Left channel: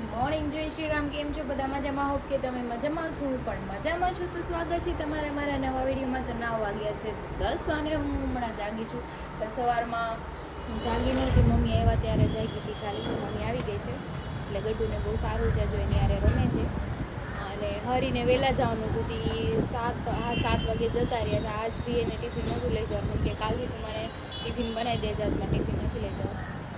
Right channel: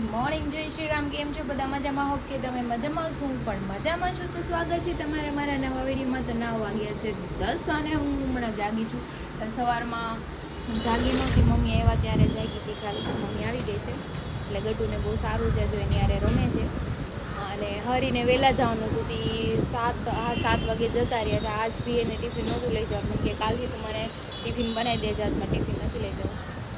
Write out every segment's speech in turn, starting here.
Good morning, જય શ્રી રામ. કેમ છો બધા? મજામાં? હોપ કે તમે મજામાં છો. હું પણ મજામાં છું. તો સ્વાગત છે તમારે મારા નવા વિડીયોમાં. તો 9 વાગ્યા છે 10 અને હું હમણાં જાગી છું. સવારમાં જાગી નહોતી, મમ્મી આવ્યા ત્યારે જાગી હતી ખાલી. મમ્મી આવી ગઈ છે એટલે ગટુને બહુ સારું છે, જો એની યારે રમે છે. અને હરીને વહેલા જવાનું હતું, 7 વાગે જતા રહ્યા હતા. આજ બી એને ટિફિન નહોતું લઈ જવાનું, કે કાલથી તું મને ટિફિન બનાવી દેજે, આજમાં ટિફિન નથી લઈ જવું.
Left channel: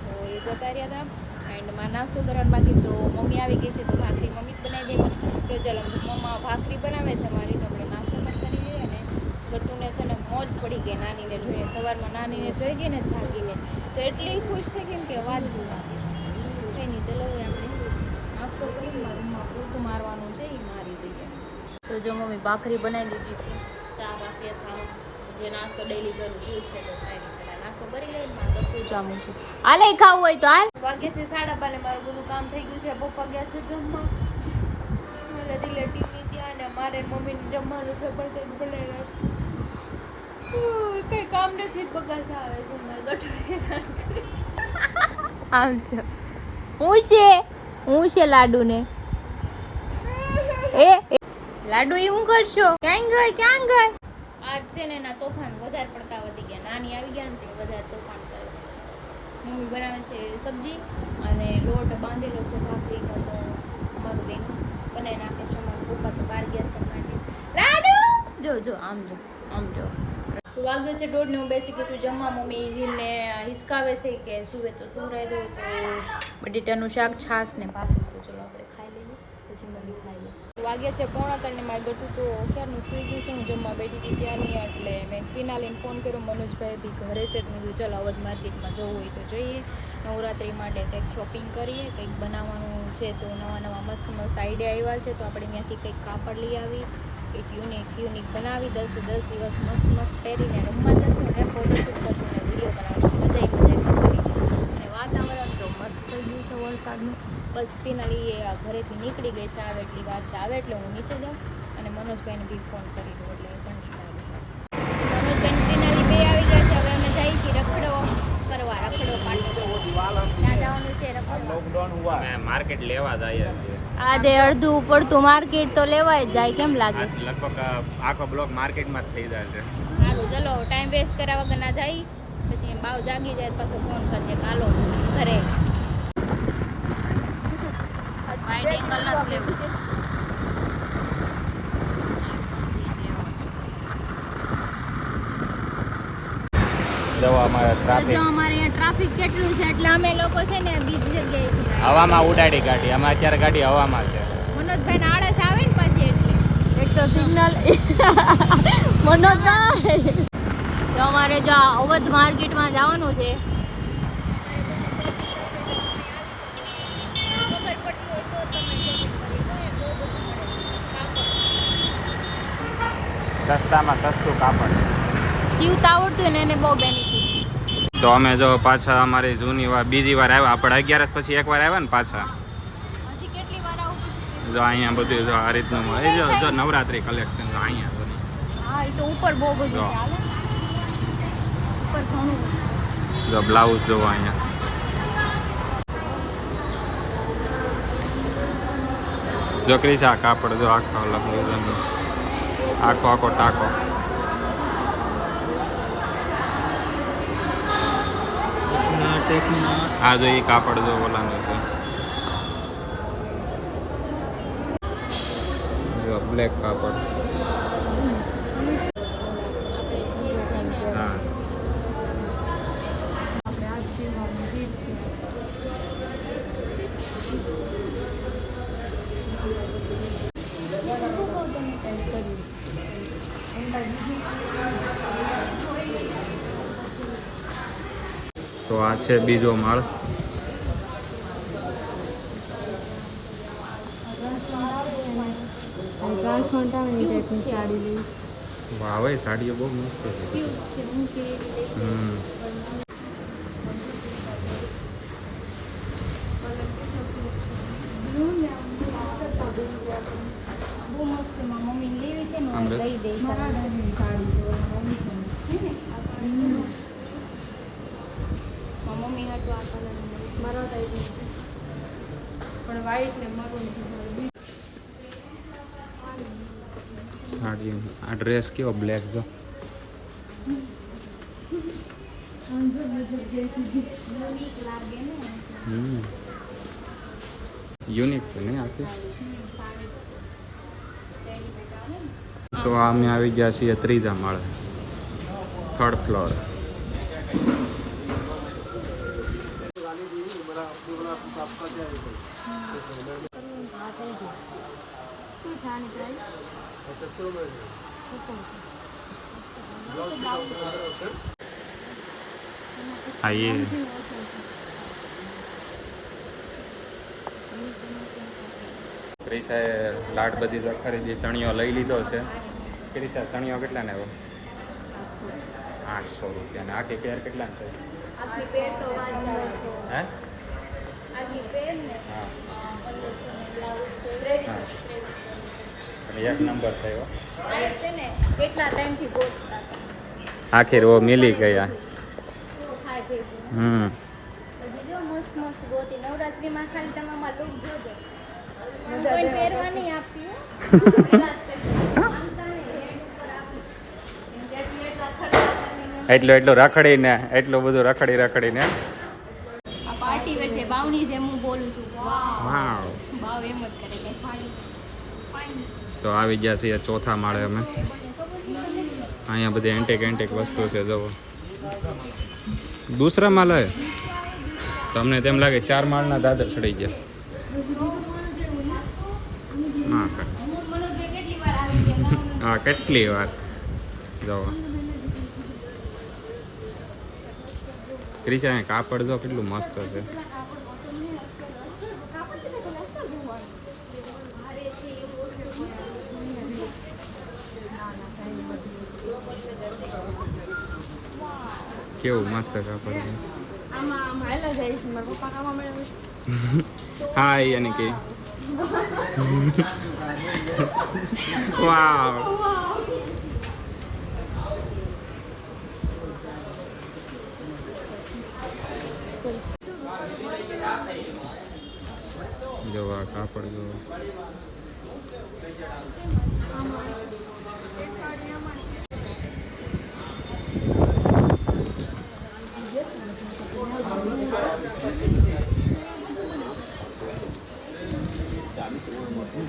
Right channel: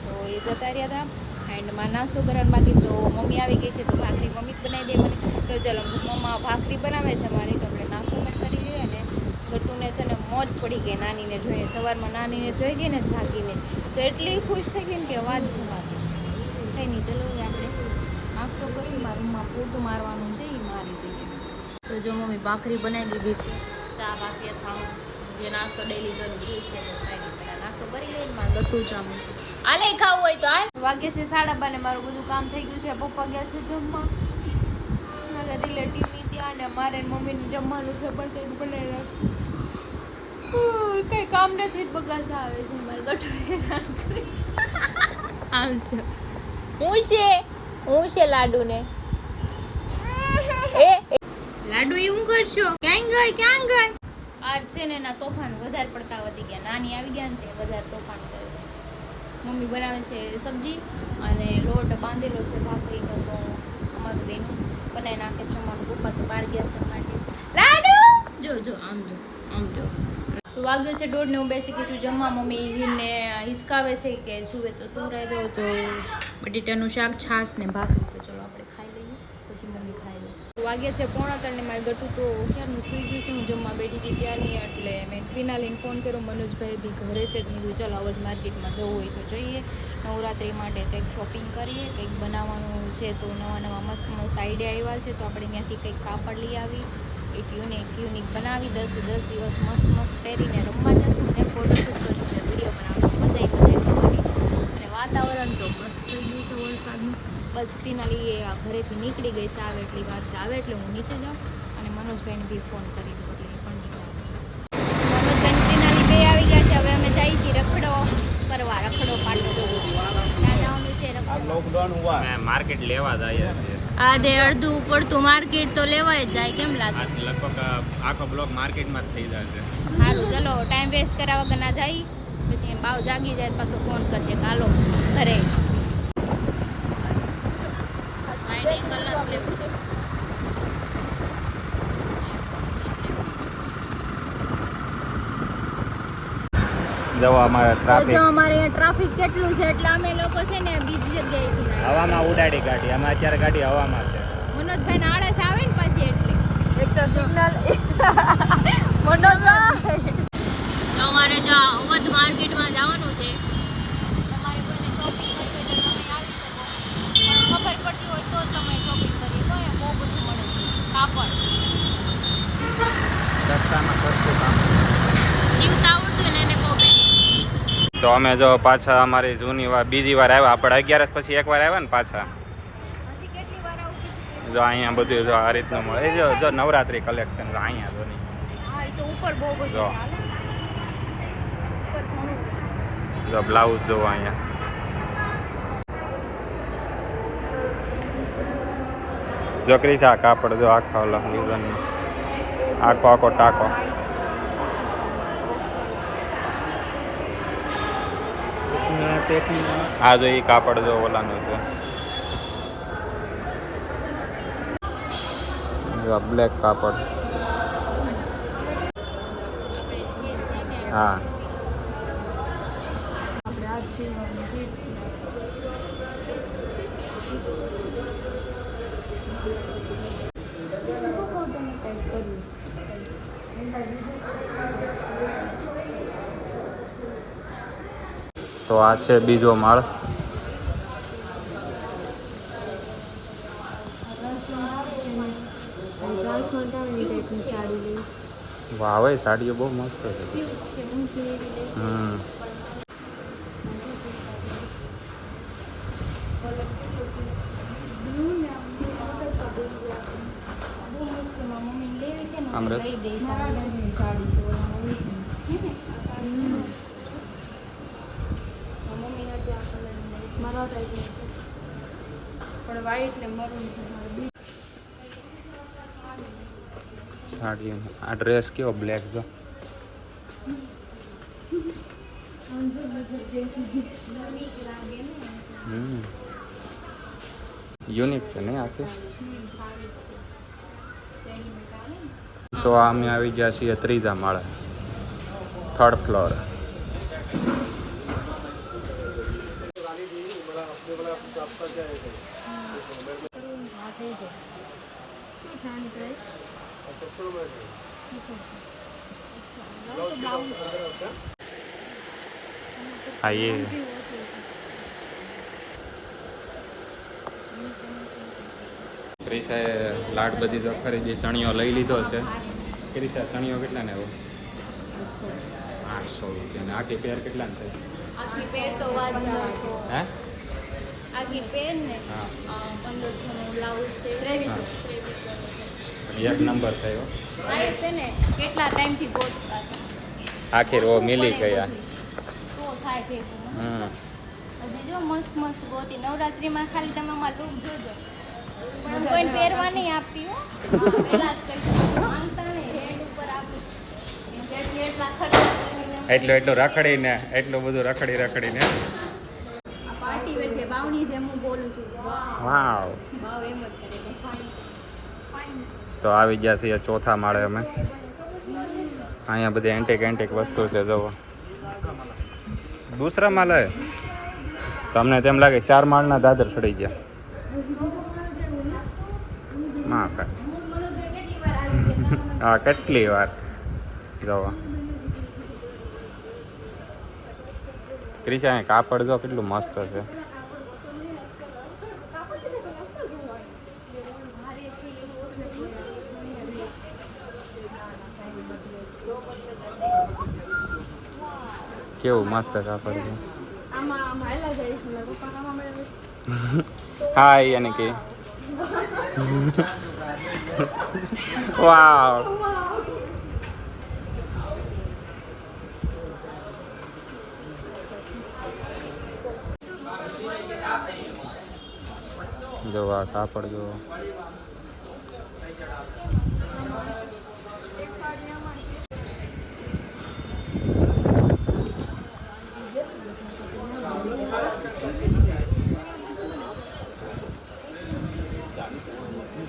તો એ જતા રહ્યા હતા. એન્ડ માં નાસ્તો કરવાનું બાકી, તો મમ્મી આવી ગઈ છે તો ભાખરી મમ્મી જ બનાવી દે મને. તો ચલો, મમ્મા ભાખરી બનાવે છે મારી, તો આપણે નાસ્તો પણ કરી લઈએ. અને ગટ્ટુને છે ને મોજ પડી ગઈ નાનીને જોઈને. સવારમાં નાનીને જોઈ ગઈ ને જાગીને, તો એટલી ખુશ થઈ ગઈ ને કે વાત જવા દે. કંઈ નહીં, ચલો આપણે નાસ્તો કરીને મારા રૂમમાં પોતું મારવાનું છે, એ મારી દઈએ. તો જો મમ્મી ભાખરી બનાવી દીધી છે, ચા બાકી ખાઉં, જે નાસ્તો ડેલી કરું છું છે. તો કાંઈ નહીં, પહેલાં નાસ્તો કરી લઈને મારે ગટ્ટુ ચા મૂકું. હાલે ખાવું હોય તો હાલ. વાગે છે 12:30 ને મારું બધું કામ થઈ ગયું છે. પપ્પા ગયા છે જમવા મારા રિલેટિવની ત્યાં, ને મારે મમ્મીને જમવાનું છે પણ કંઈક બનાવી કંઈ કામ નથી, બગાસ આવે છે. મારે ગટ્ટુ હેરાન કરે છે. આમ છે હું છે લાડુને એ લાડુ એવું કરશો? ક્યાં ગઈ? આજ છે ને એના તોફાન વધારે પડતા વધી ગયા. નાની આવી ગયા ને તે વધારે તોફાન કરે છે. મમ્મી બનાવે છે સબ્જી અને લોટ બાંધેલો છે ભાખરીનો, તો અમારું બેનું બનાવી નાખે છે. અમારું પપ્પા તો બહાર ગયા છે માટે. લાડુ જો આમ જો. તો વાગ્યો છે 1:30 ને હું બેસી ગઈ છું જમવા. મમ્મી હિરને હિસકાવે છે કે સુવે તો સુવરાઈ દો. તો બટેટાનું શાક, છાશ ને ભાખરી. તો ચલો આપણે ખાઈ લઈએ, પછી મમ્મી ખાઈ લે. વાગ્યા છે 3:45 ને મારે ગટુ તો ક્યારનું સૂઈ ગયું છે. હું જમવા બેઠી હતી ત્યાંની, એટલે મેં ક્વિનાલીને ફોન કર્યો. મનોજભાઈ બી ઘરે છે, તો મેં કીધું ચાલો અવધ માર્કેટમાં જવું હોય તો જઈએ, નવરાત્રી માટે કંઈક શોપિંગ કરીએ. કંઈક બનાવવાનું છે, તો નવા મસ્ત આઈડિયા આવ્યા છે, તો આપણે ત્યાંથી કંઈક કાપડ લઈ આવી, એક યુનિક બનાવી 10 દિવસ મસ્ત પહેરીને રમવા જશું, અને ફોટોશૂટ કરશું અને વિડીયો બનાવશું. મજા કરવાની છે. અને વાતાવરણ જો મસ્ત થઈ ગયું છે વરસાદનું. બસ ક્વિનાલી ઘરેથી નીકળી ગઈ છે, આવે એટલી વાર છે, આવે એટલે હું નીચે જાઉં. અને મનોજભાઈને બી ફોન કરી દઉં એટલે એ પણ નીચે આવી જાય. મનોજભાઈ ક્વિનાલી બે આવી ગયા છે. હવે અમે જઈએ છીએ રખડો પાટો કરવા. ત્યાં જવાનું છે રખડવા. અમે માર્કેટ લેવા જઈએ છીએ. આજે અડધું પડતું માર્કેટ તો લેવાય જ જાય, કેમ લાગે? લગભગ આખો બ્લોક માર્કેટમાં જ થઈ જાય છે. સારું, ચલો ટાઈમ વેસ્ટ કર્યા વગર ના જાય. પછી બાવ જાગી જાય પાછો ફોન કરશે કે હાલો ઘરે. તો જો અમારે અહીંયા ટ્રાફિક કેટલું છે, એટલે અમે લોકો છે ને બીજી જગ્યાએથી હવામાં ઉડાડી ગાડી. અમે અત્યારે ગાડી હવામાં છે. મનોજભાઈ ને આળસ આવે ને પાછી, એટલે એક તો સિગ્નલ મનોજભાઈ. જો અમારે જો અવધ માર્કેટમાં જવાનું છે. તમારે કોઈને શોપિંગ કરવી હોય તો તમે આવી શકો, પણ ખબર પડતી હોય તો તમે શોપિંગ કરી. તો એ બહુ બધું મળે છે કાપડ. રસ્તામાં સસ્તું કાપડ જીવતા આવડતું ને એને બહુ બેનિફિટ. તો અમે જો પાછા અમારી જૂની બીજી વાર આવ્યા. આપણે 11 પછી એકવાર આવ્યા ને પાછા. જો અહીંયા બધું જો આ રીતનું મળે. જો નવરાત્રી કલેક્શન જો અહીંયા જો નહીં. જો બ્લાઉઝ જો અહીંયા. જો ક્રીસા કાપડ જો આખો અલગ ડિઝાઇનનો આખો ટાકો. હા જો એ કાપડ જો ઓલાનું છે. જો બ્લેક કાપડ. હા તો આ છે બીજો માળ. વાહ, સાડીઓ બહુ મસ્ત છે. પણ વ્હાઈટ ને મરૂન સાડી આ ડ્રેસ કેવો બ્લેક જો યુનિક છે ને આખી તો અમે આવી ગયા છીએ ત્રીજા માળે 3rd ફ્લોર હા એ ક્રિશાએ લાડ બધી તો ખરીદી ચણિયો લઈ લીધો છે ક્રિશા ચણિયો કેટલા ને આવ્યો 800 રૂપિયા ને આખી પેર કેટલા ને થાય આખી પેર તો વાત જાવ હે આખી પેર ને હા 1500 નું બ્લાઉઝ છે 2300 પણ એક નંબર થયો આ તેને કેટલા ટાઈમ થી ગોતતા હતા આખી રો મિલી ગઈ શું થાય છે હજી જો મસ્ત મસ્ત ગોતી નવરાત્રીમાં ખાલી તમે માં લુક જોજો કોઈ પહેરવા નહીં આપતી હો પેલા જ માનતા ને હેડ ઉપર આપું જેટલી એટલા ખર્ચા કરીને એટલો રખડીને એટલું બધું રખડીને આ પાર્ટી વેર છે બાવની જેમ હું બોલું છું વાવ બાવ એમ જ કરે કે ખાડી ફાઇન તો આવી ગયા છીએ ચોથા માળે અમે અહીંયા બધી એન્ટિક વસ્તુ છે જુઓ દૂસરા માળે તમને તેમ લાગે 4 માળના દાદર ચડી ગયા ના કેટલી વાર આવી ગયા હા કેટલી વાર જુઓ ક્રિશા કાપડ જો કેટલું મસ્ત છે કેવું મસ્ત કાપડ છે હા યાની કે વાવ જો આ કાપડ જો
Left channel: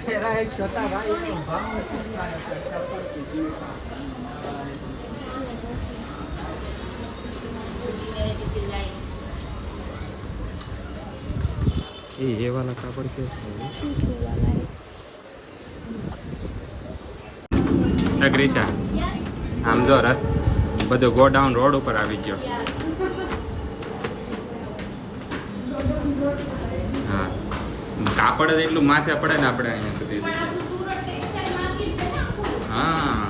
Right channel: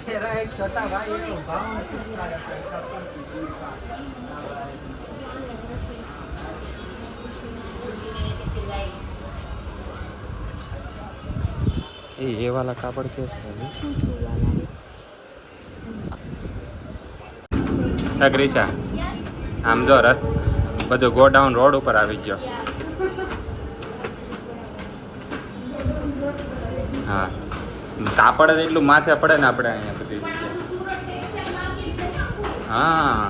मेरा एक छोटा भाई है ये वाला कापड़ कैसे है क्रिशा આમ જો બધું ગોડાઉન રોડ ઉપર આવી ગયો હા કાપડ જ એટલું માથે પડે ને આપણે અહીંયા બધી હા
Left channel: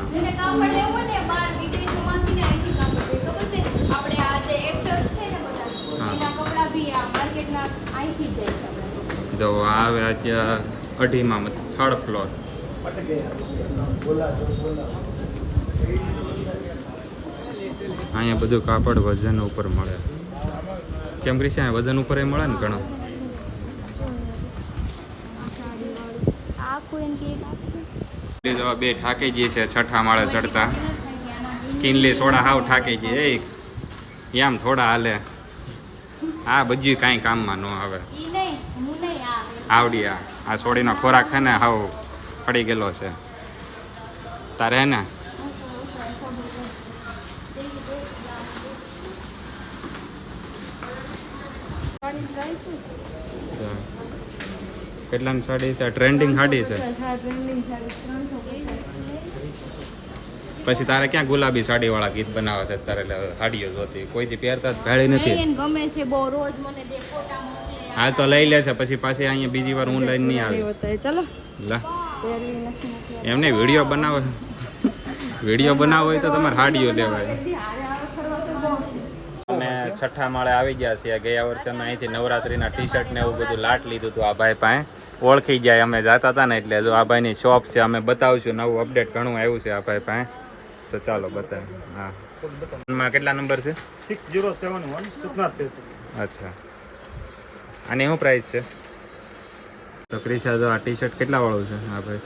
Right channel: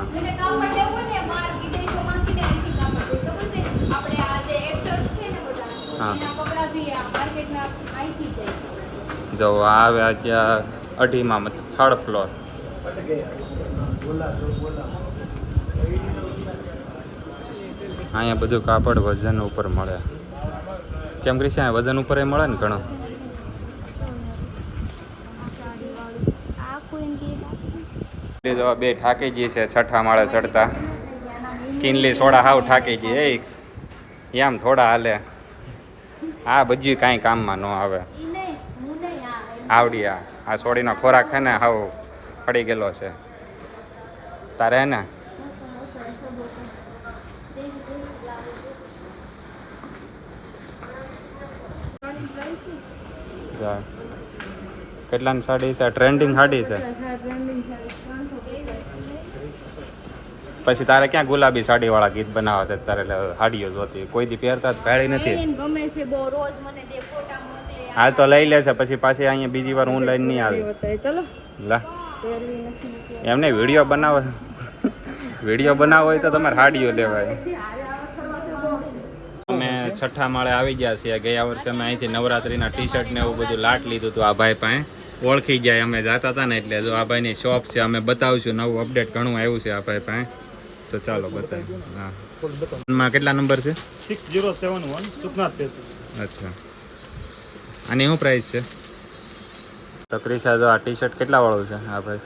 જો આવે અત્યારે 2.5 3rd ફ્લોર અહીંયા બધું કાપડ વજન ઉપર મળે કેમ ક્રિશા વજન ઉપર એ મળે ને ઘણો બે ઠાકેજી છે 6ઠા માળે ચડતા કિનલી સોડા હાવ ઠાકેજી એમ થોડા હાલે આ બધું કાંઈ કામમાં ન આવે આવડી આ સોડીનો ખોરાક છે ને હાવ પડી ગયેલો છે તારે હે ને કેટલાની સાડી છે ટ્રેન્ડિંગ સાડી છે પછી તારે ક્યાં ગુલાબી સાડી વાળા ગીત બનાવે છે તારે સાડીઓ જોતી કોઈથી પહેરતા ભાળી નથી ગમે છે બહુ રોજ મને દે ફોટા મોકલે હાલ તો લઈ લે છે પછી પાછી અહીંયા બીજી વાર ઓનલાઈન નહીં આવે ચલો લા એમને વિડીયો બનાવો હોય તો તમારે સાડીઓ લેવાય અમે 6ઠા માળે આવી ગયા છીએ ગયા વર્ષે અમે અહીંથી નવરાત્રીના ટી-શર્ટ ને એવું બધું લાટ લીધું હતું આ ભાઈ પાસે ઓળખી જાય અમે જતા હતા ને એટલે જો આ ભાઈની શોપ છે અમે બતાવશું નવું અપડેટ ઘણું આવ્યું છે આ ભાઈ પાસે તો ચાલો બતાવ હા માં કેટલા નંબર છે 6071 સુખનાથ પેસી અચ્છા આની શું પ્રાઇસ છે તો ક્રિશા જો આ ટી શર્ટ કેટલા વાળું છે હા ભાઈ?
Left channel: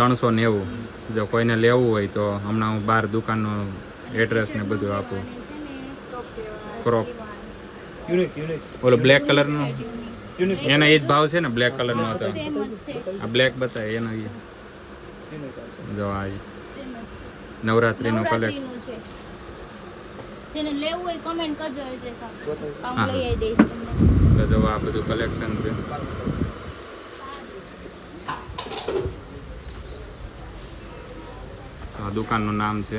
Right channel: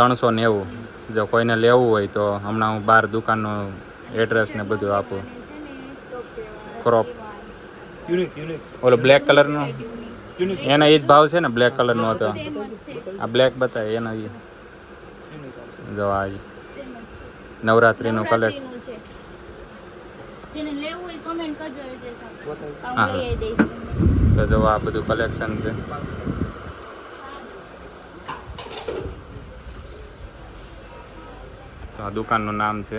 390. 390. જો કોઈને લેવું હોય તો હમણાં હું બહાર દુકાનનું એડ્રેસ ને બધું આપું. ક્રોપ ઓલો બ્લેક કલરનો એનો એ જ ભાવ છે ને? બ્લેક કલરનો હતો આ બ્લેક બતાવે એનો ઈ જો આ નવરાત્રીનું કલેક્શન. જેને લેવું હોય કમેન્ટ કરજો, એડ્રેસ આપો હા. હું લઈ આવી દઈશ તમને. તો જો આ બધું કલેક્શન છે. તો આ દુકાનનું નામ છે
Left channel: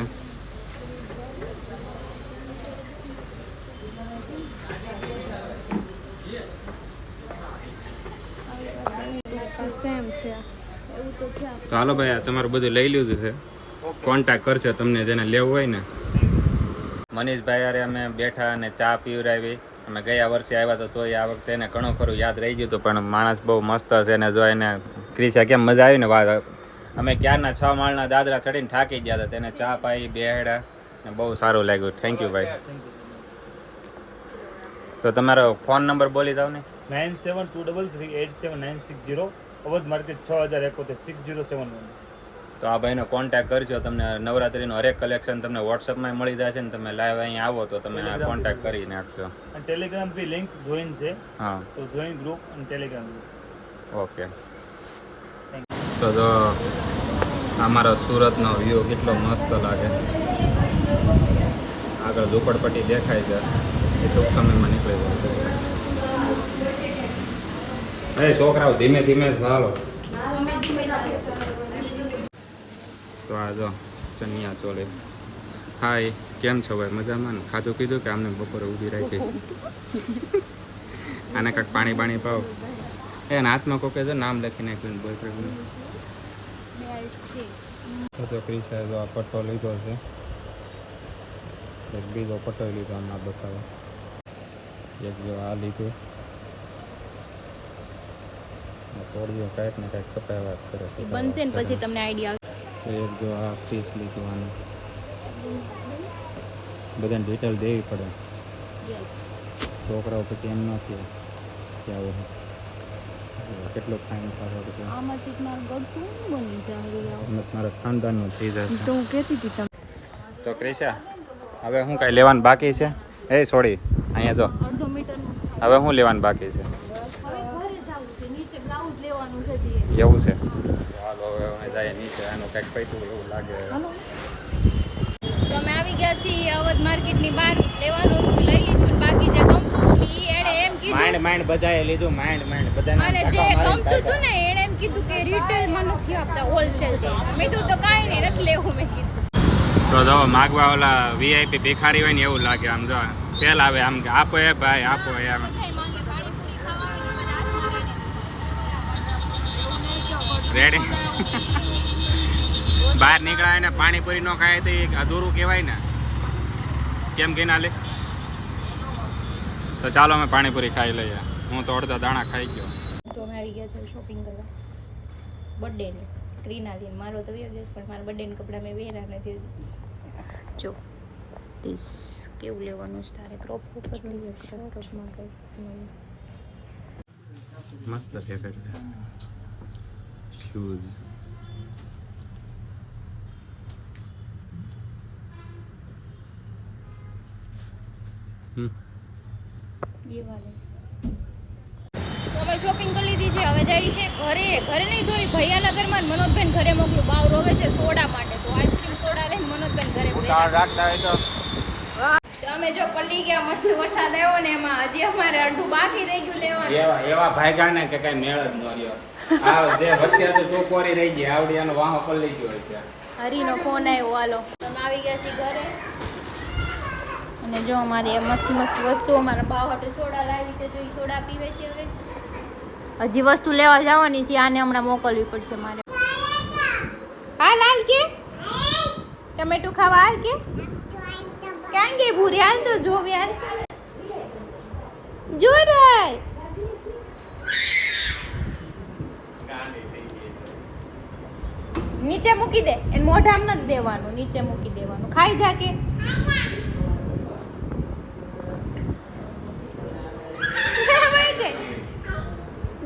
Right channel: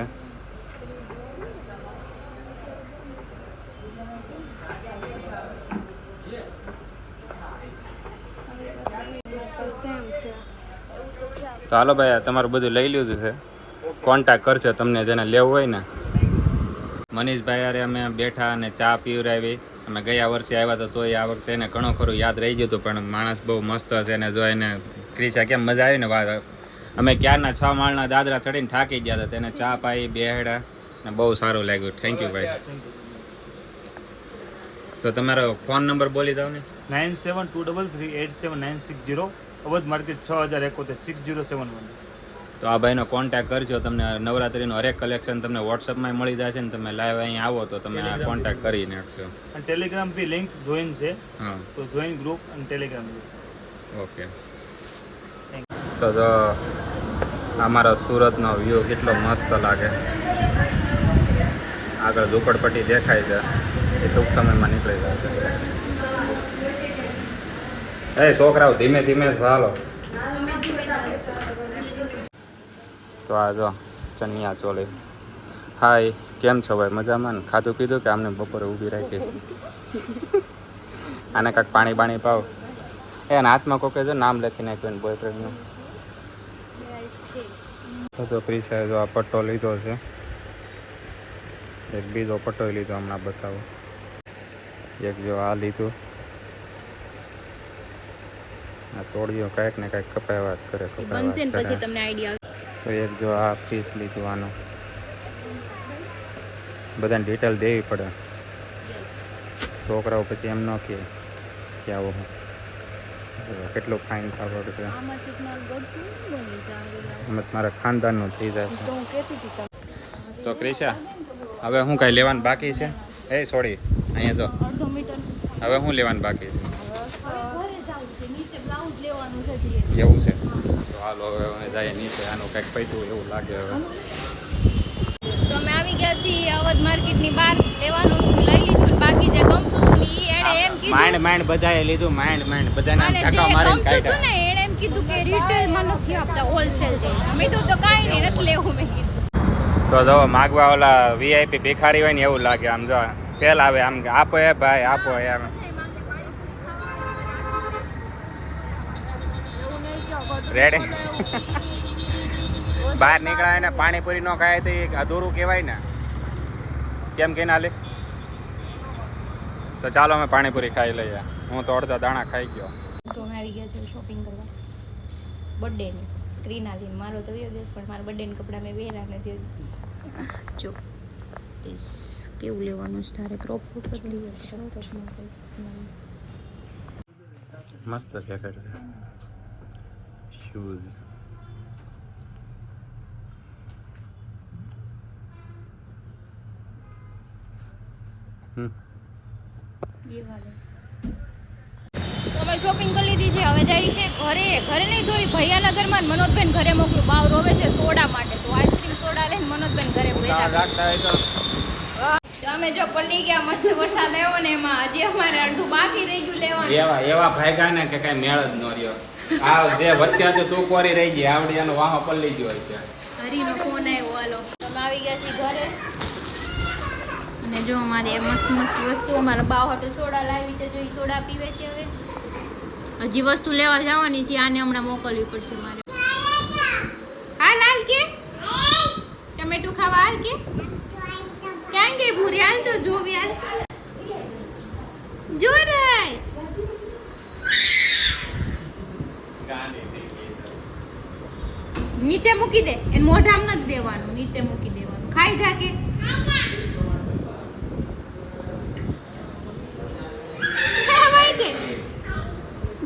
સેમ છે. તો હાલો ભાઈ આ તમારું બધું લઈ લીધું છે. કોન્ટેક્ટ કરશે તમને જેને લેવું હોય ને. મનીષભાઈ યારે અમે બેઠા અને ચા પીવરાવી. અમે ગયા વર્ષે આવ્યા તો તોય આ વખતે એને ઘણું ખરું યાદ રહી ગયું હતું, પણ માણસ બહુ મસ્ત છે ને જો એને ક્રિશા કેમ મજા આવી ને વાત. અમે ક્યારના 6 માળના દાદરા ચડીને થાકી ગયા હતા, તેને ચા પાઈ બેહડા ને બહુ સારું લાગ્યું. થેન્ક યુ ભાઈ. તો તમારો ફોન નંબર બોલી દો ને. 9723387960, અવધ માર્કેટ 6071 6071. તો આ ભાઈનો કોન્ટેક્ટ કરજો. તમને નવરાત્રીનું હરેક કલેક્શન તમને વોટ્સઅપમાં મળી જશે ને તમે લાઈવ અહીં આવો તો તમે આ કોન્ટેક્ટ કરી નાખશો. અને ટેલિગ્રામ બી લિંક જોઈન છે, હા તો જોઈન ગ્રુપ અને ટેલિગ્રામ ગ્રુપ. ઓકે. તો જો અમારો સુરતનો વ્યૂ કેટલો મસ્ત લાગે. આગળ ઝૂંપડપટ્ટી દેખાય છે, એ ટૂંક સમયમાં નીકળી જશે. એ છોકરાઓ ધીમે ધીમે હાલો. તો આ જો ચનિયા ચોલી. હાય, કેમ છો ભાઈ? મજામાં ને? ખાધું પીધું કે આમને બપોરે ઊભી રાખી? આને કાંઈક પાણી બાણી પાવ. એના હાથમાં કોકે જો નામ લખી નાખ્યું ને બોયફ્રેન્ડનું. તો ક્રિશાએ જો આ પટ્ટો લીધો છે. એક બીજો પટ્ટો લીધો હમણાં બતાવો. એક જો આ લીધું. આ સોડિયો કાંઈક ને કાંઈક કપાવ્યા જ કરે. બનશે ને પછી તમને આઈડિયા. તો એક જો આ પીસ લીધું આનું. બધાને ડિટેલ દેવી પડે. છોકરાઓ પછી એમ ન કહે કે આવો કેટલું ફાઇન ખાવા છે. એમ મારા ખાનદાનનું થઈ જશે. તો ક્રિશા હવે હું કાંઈ લેવાનું બાકી છે? એ છોડી અહીંયા તો અડધો મીટર હવે હું લેવાનું બાકી છે? હવે ઘરે જવું છે, નીચે બ્લાઉઝ લેવાનું છે. એવું છે? તો હાલો હવે અમે જાય નીચે. આનું કંઈક પૈતું એવું લાગે હવે. તો અમે આવી ગયા છીએ અવધ માર્કેટની બહાર. લેવાનું હતું લઈ લીધું, બાકી જે ગમતું હતું ને ઈ એણે એમ કીધું. માંડ બધાએ લીધું. માંડ બધાને અને જે ગમતું હતું ને એણે એમ કીધું કે રિટેલમાં નથી આપતા, હોલસેલ છે. મેં કીધું તો કાંઈ નહીં, નથી લેવું. મેં કીધું તો જો માગવા ઓલા વીઆઈપી ભિખારી હોય ને એવું લાગે. આમ જો પેલ આવે આમ કે આપો એ ભાઈ આપો એમ. રેડી બહાર નીકળાય ને પાણીપુરી નો ખાય તો એ અધૂરું કહેવાય ને. કેમ કે ના લે? તો ચાલો અમે પાણીપુરી ખાઈ લઈએ. હું તો અડધા દાણા ખાઈ ગયો. તો અમે આવી ગયા છે શોપિંગ કરવા બર્થડેની. ક્રીનાલીન મારો તો ગયો દિવસ, પણ મારા બર્થડેના કપડાં મેં પહેર્યા નથી. જો કેવું લેવાનું છે તારે? ક્રોપ પતલી શર્ટમાં કંઈક મસ્ત દેખાય. શૂઝ એ વાલે. તો અમે શોપિંગ કરી લીધી છે. હવે જઈ છે ઘરે નહીં, સોરી ભૈયાનગરમાં. મનોજબેન ઘરે મોકલું, બાવ રોવે છે સોડા માટે. તો આઈસ્ક્રીમ સોડા લઈને મનોજબેન ઘરે બેઠા. તો અમે જો પલ્લી ગયા, મસ્ત વરસાદ આવ્યો ને એમાં હજી અમારે અડધું બાકી રહી ગયું લેવાનું. એવા ભાગ્યા ને કે કઈ મેળ જ ન રહ્યો. આ જે વચ્ચે તો તું કોરી રહી ગઈ, આવડી એનો વાહો પલ્લી ગયો છે. હરીનો ફોન આવ્યો. હાલો તમે આવી ગયા છીએ ઘરે. અને જો અમારી મસ્ત મસ્ત વસ્તુ અમારા બા હાટે સોડા લાવી છે. જો એ સોડા પીવે છે. હવે હજી વસ્તુ લેવા જવાની છે. આને હમણાં મોકલવી પડશે મારે. હાલ હાલ કે ટમેટું ખાવા હાલ કે ક્યાં ગઈ ભૂરે? હાલ તો જોવી. હાલ જો રાય નીચે મૂકી દે. એને મોઢામાં નથી દેવાનું, નીચે મૂકી દેવાનું. ખાઈ જા કે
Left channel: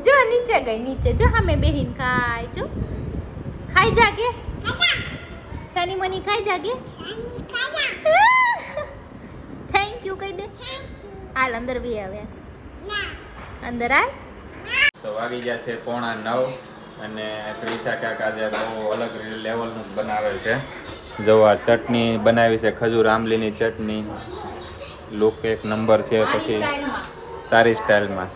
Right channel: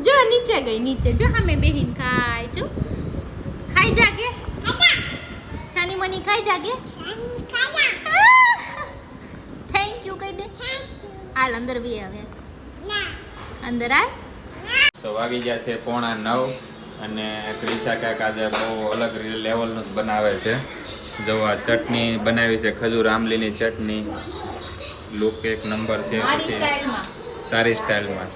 જો નીચે ગઈ નીચે જો સામે બેહીન ખાય જો ખાઈ જાગે ચાની મની ખાઈ જાગે થેન્ક યુ કહી દે હાલ અંદર બી આવે અંદર આય તો વાગી ગયા છે 8:45 અને ક્રિશા કાકા જે બહુ અલગ લેવલનું બનાવે છે. જો આ ચટણી બનાવી છે ખજૂર આંબલીની ચટણી, લુક એક નંબર છે. પછી તારી સ્ટાઇલમાં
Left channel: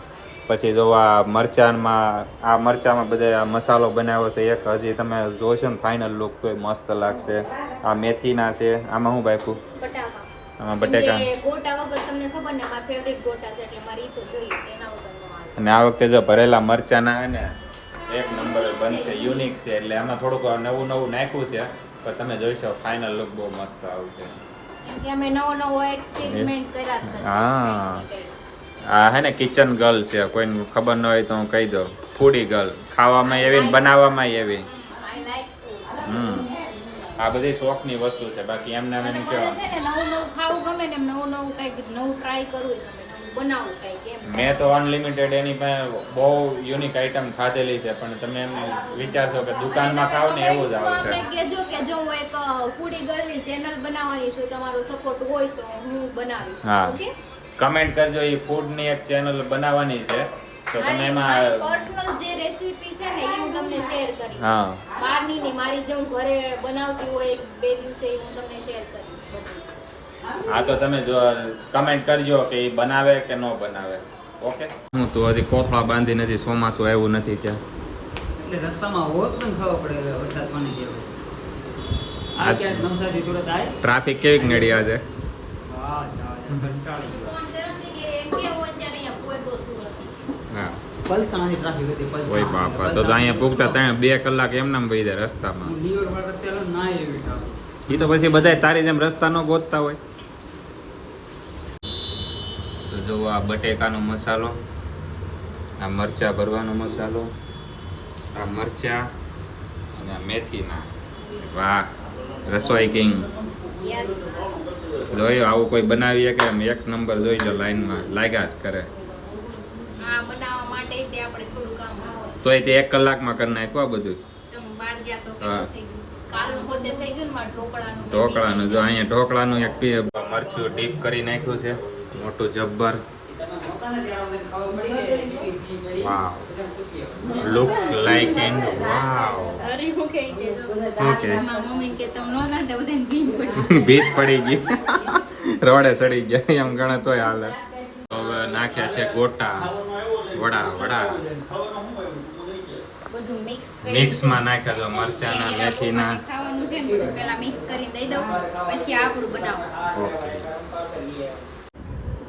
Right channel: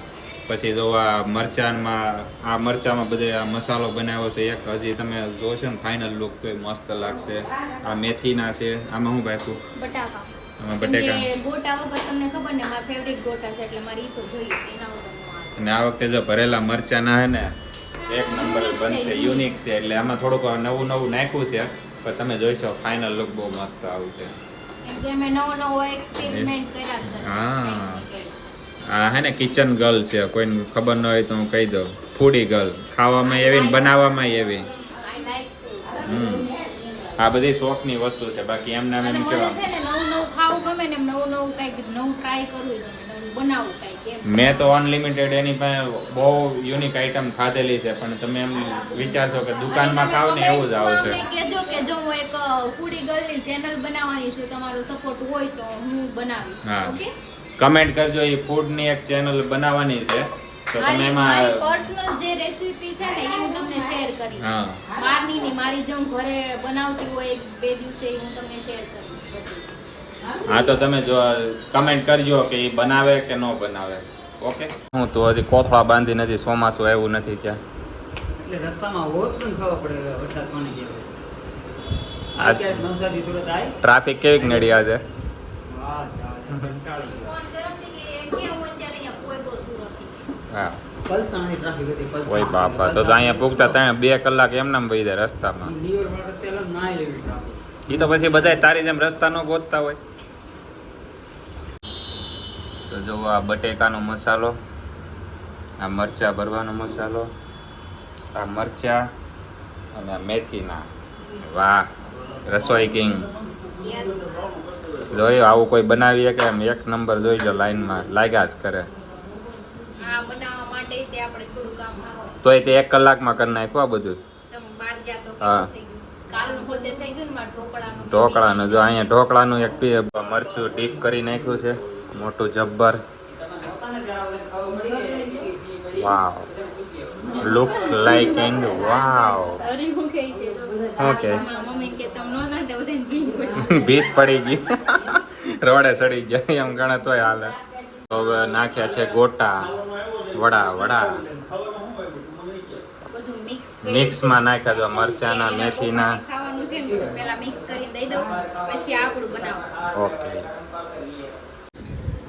પછી જો આ મરચામાં બધે આ મસાલો બનાવ્યો છે એક. હજી તમે જોશો ને ફાઇનલ લુક તો મસ્ત લાગશે. આ મેથીના છે. આમાં શું બાપુ? આમાં બટેકા. ગોટા વગર તમને ખબર ને મારા ફેવરિટ ગોટા છે એટલે મારી તો જોઈએ એના વગર નો આવે. અને આ વખતે જો ભરેલા મરચાના છે ને એક નંબર બનશે, યુનિક છે. એટલે આમાં થોડુંક નવું નાખ્યું છે પણ તમે જોઈશો ફાઇનલ લુક બહુ મસ્ત આવશે. કેમ કે અમે નવો એક્સપેરિમેન્ટ કર્યા છે. હા આ હે ને કિચન ગર્લ છે. કોઈને ખબર ન હોય તો હું કહી દઉં, ફૂડી ગર્લ. ખાવામાં એવી ને બનાવવામાં એવી. આ બધી શોખની વસ્તુ છે. બાકી એમ નામ એમ કેવા છે ને નવું ખાવું ગમે ને નવું કંઈક નવું ટ્રાય કરવું ગમે, નવું બનાવવું કંઈક એમ. મેં તો અનલિમિટેડ એની પાસે બહુ યુનિક આઈટમ ખાધેલી છે પણ તમે એમ વિચારશો કે દુકાનમાં ખાવ ને એવું જ આવશે. અમને કહેજો કે જો હું એક ફૂડી ગર્લની ચેનલ બનાવવાની છું, તમારો સપોર્ટ હોય તો હું બનાવીશ. હા. ઓકે કમેન્ટ કરજો. એ ફૂડની એક ચેનલ બનાવવાની છે તો તમે એમાં પર્સનલ જે રેસીપી છે ને એ હું તમને શેર કરીશ. હા બહારની ની મારી જે હું ઘરે બનાવતી હોય 2 દિવસે હું તમને શેર કરીશ બધું. હા તો તમે જો કમેન્ટ કરજો કે એ બનાવે કે ન બનાવે. ઓકે. હું તો હજી કોથળા બાંધી નથી, ચોમાસું આવ્યું નથી ત્યાં. એટલે રસ્તામાં હોત પણ ખબર પડે વરસાદ પાણી કેવો. આ ક્યાંક નવસારી સુરત આય ટ્રાફિક કેવી નડી આજે? હા કંટાળી ગયો. હા પલસાણાથી ટ્રાફિક હતી. ઓય બાપા, તો અહીંયા પૂગતા 2 કલાક એમનામ વહી જાય રસ્તામાં. લીવર વાળા રસ્તે ના એવી ટ્રાફિક. એ તો પછી બધા તારી જેમ રસ્તા ન ગોતતા હોય. તો જો આ બટેકાનો મસાલો, આ મરચા ભરવાનો મસાલો, આ મરચા અને આ મેથીના. વાહ, રસોઈ કિંગ. જોયું આવું કોઈ બનાવીએ કે એમ એક નંબર જોઈ લો, લાઈનમાં લાગ્યા જ કરે. આ બનાવવા માટે તે આપણે થોડું કામ તોય તે 1 કલાકમાં કરી નાખ્યું આ બધું. તમે બહાર ગયા તો હા. થઈ ગયું. કાલનું પોતે થઈ ગયું ને મારે ઢોકળાનું. ઢોકળાનું જો અહીંયા ઢોકળાનું એક મરચું ડીપ કરી નાખ્યું છે મોટું જબ્બર. વાવ, લુક લાઈક એન્ડ વાવ. અરે હું કહે છે જો ઓકે. મારા મમ્મી કે તમે નો ના દે બધાને ભીંગ પડી. બીસ પડી ગઈ, રોડે સડી જાય એમ ગણે તોય હાલે. હવે નાખ્યા છે ગોટા, વડા બધું મિક્સમાં નાખ્યા તો મરચાના, મેથીના. ખાવાનું છે ને બધું પહેલા મિક્સ કરી દઈ દઉં પછી આપણું બનાવો. ઓકે.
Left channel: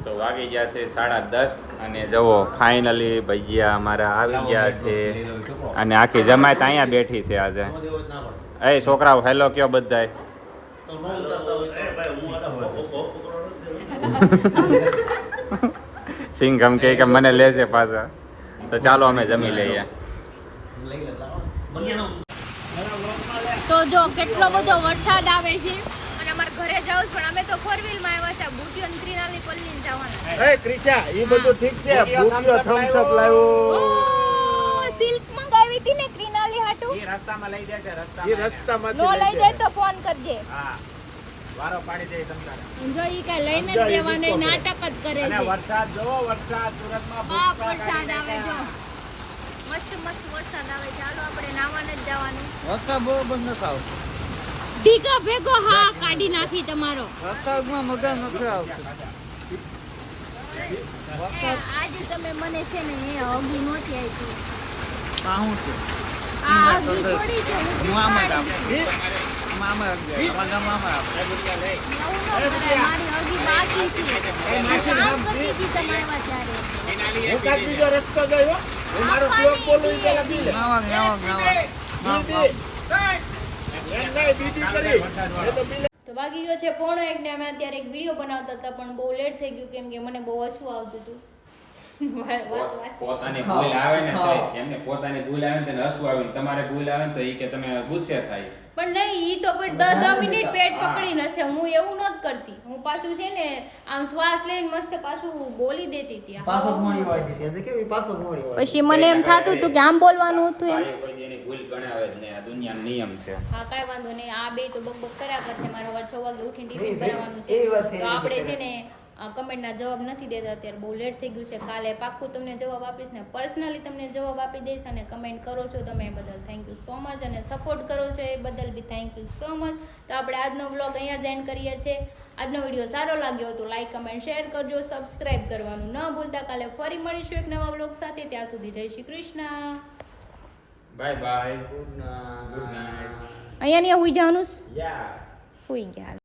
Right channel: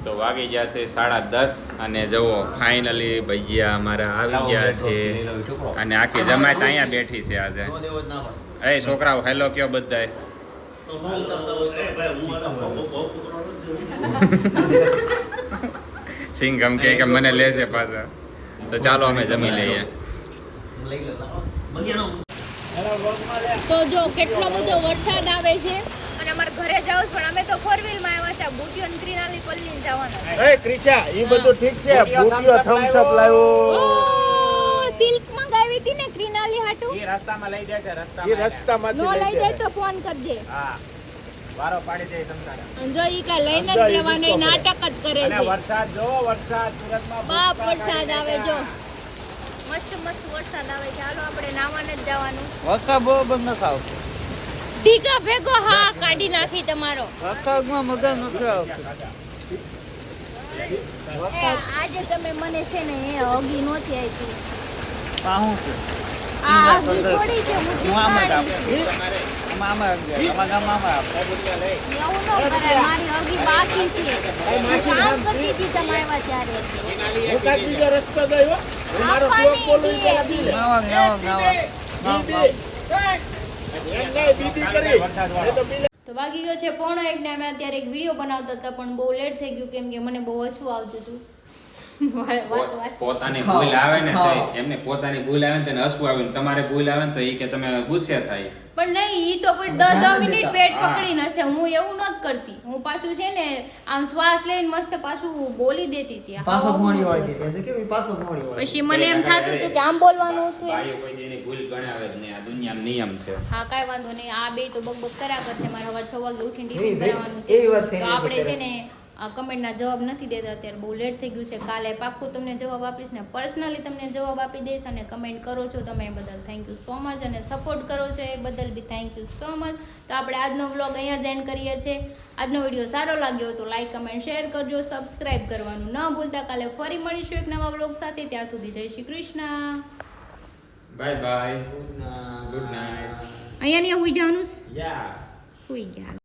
તો વાગી ગયા છે 10:30 અને જુઓ ફાઇનલી ભજીયા અમારા આવી ગયા છે. અને આખી જમાત અહીંયા બેઠી છે આજે. એ છોકરાઓ હેલો કયો બધાય. સિંઘમ કે મને લે છે પાછા. તો ચાલો અમે જમી લઈએ. તો જો કેટલો બધો વરસાદ આવે છે અને અમારે ઘરે જાવ પણ અમે તો 4 વ્હીલ માં આવ્યા છે. બુટીઓ ને ત્રિનાલી પલ્લી જવાના. એ ક્રિશા ઈ બધું ઠીક છે. ભૂતિયો થમ્સ અપ લાવ્યો. સિલ્ક મંગાવી હતી ને ત્રિનાલી હાટુ. એ રસ્તામાં લઈ જાય છે, ઈ રસ્તામાંથી નો લઈ લઈ જાય તો ફોન કરજે. હા, વારો પાડી દે તમતારા. જો ઈ કા લઈને જ જવાનો ઈ નાટક જ કરે છે. વરસાદ જો, વરસાદ સુરતમાં બાપ વરસાદ આવે જો. મસ્ત વરસાદ આવે. ચાલો આપણે નાવાને જ જવાનું. વખા બહુ બંધ ન ખાવ. ઢીકા ભેગો હા કાઢી નાખી તમારો. વખામાં મગા નથી આવતું. આજે તમે મને છે ને એ હગી નહોતી આપી. પાહું છે. આ હગી થોડી છે હું હું આમાં જ કાઢી. આમાં ગામમાં એવું ન કરાય. મારી હગી બાકી છે. હું કામ કરતી હતી તમે આવ્યા ત્યારે. બીજો રસ્તો ગયો. આપવાની હતી. તો વાગી ગયો છે 1:30 ને અમે અત્યારે એક વિડીયો બનાવતા હતા પણ બહુ લેટ થઈ ગયું કેમ કે મને બહુ હસવું આવતું હતું. વાત પોતાની ભૂલ આવે ને તો એમને પોતાની ભૂલ આવે ને તો એને હસવું આવે ને તમારે ભૂલ આવે ને તો ઈ કે તમે ગુસ્સે થાય. પણ નહીં, ઈ તો પણ 10 મિનિટ પેટ પકડીને હશે. હું એવું નત કરતી. હું પાછું છે ને આમ શ્વાસ લઈને મસ્ત પાછું બોલી દેતી હતી. પાછો મોડી વાળી હતી એટલે કે પાછો મોડી વાળી. પછી મને એમ થાતું હતું કે આમ બોલવાનું હતું. ભાઈ કોઈ દી એની ભૂલ ગણાવે જ નહીં. આ દુનિયાનો નિયમ છે. હા, કાંઈ વાંધો નહીં. આ બે તો બકબક કર્યા કરશે. મારે સવારે 6 વાગે ઉઠીને ટિફિન એવી બનાવવાનું વાત છે. થઈ તો રહી આપણે છે. છે ને કમેન્ટના જવાબ નથી દેતા અત્યારે, બહુ લેટ થઈ ગયું છે. કાલે પાક્કું તમને જવાબ આપીશ ને પર્સનલી તમને જવાબ આપી દઈશ. અને કમેન્ટ કરો છો તમે એ બદલ થેન્ક યુ સો મચ, અને સપોર્ટ કરો છો એ બદલ બી થેન્ક યુ સો મચ. તો આપણે આજનો વ્લોગ અહીંયા જ એન્ડ કરીએ છીએ. આજનો વિડીયો સારો લાગ્યો તો લાઈક કમેન્ટ શેર કરજો, સબસ્ક્રાઇબ કરવાનું ન ભૂલતા. કાલે ફરી મળીશું એક નવા વ્લોગ સાથે. ત્યાં સુધી જય Shri Krishna. Bye bye. Good night. Good night. અહીંયા ને હુઈ જવાનું છે? યા હુઈ ગયા.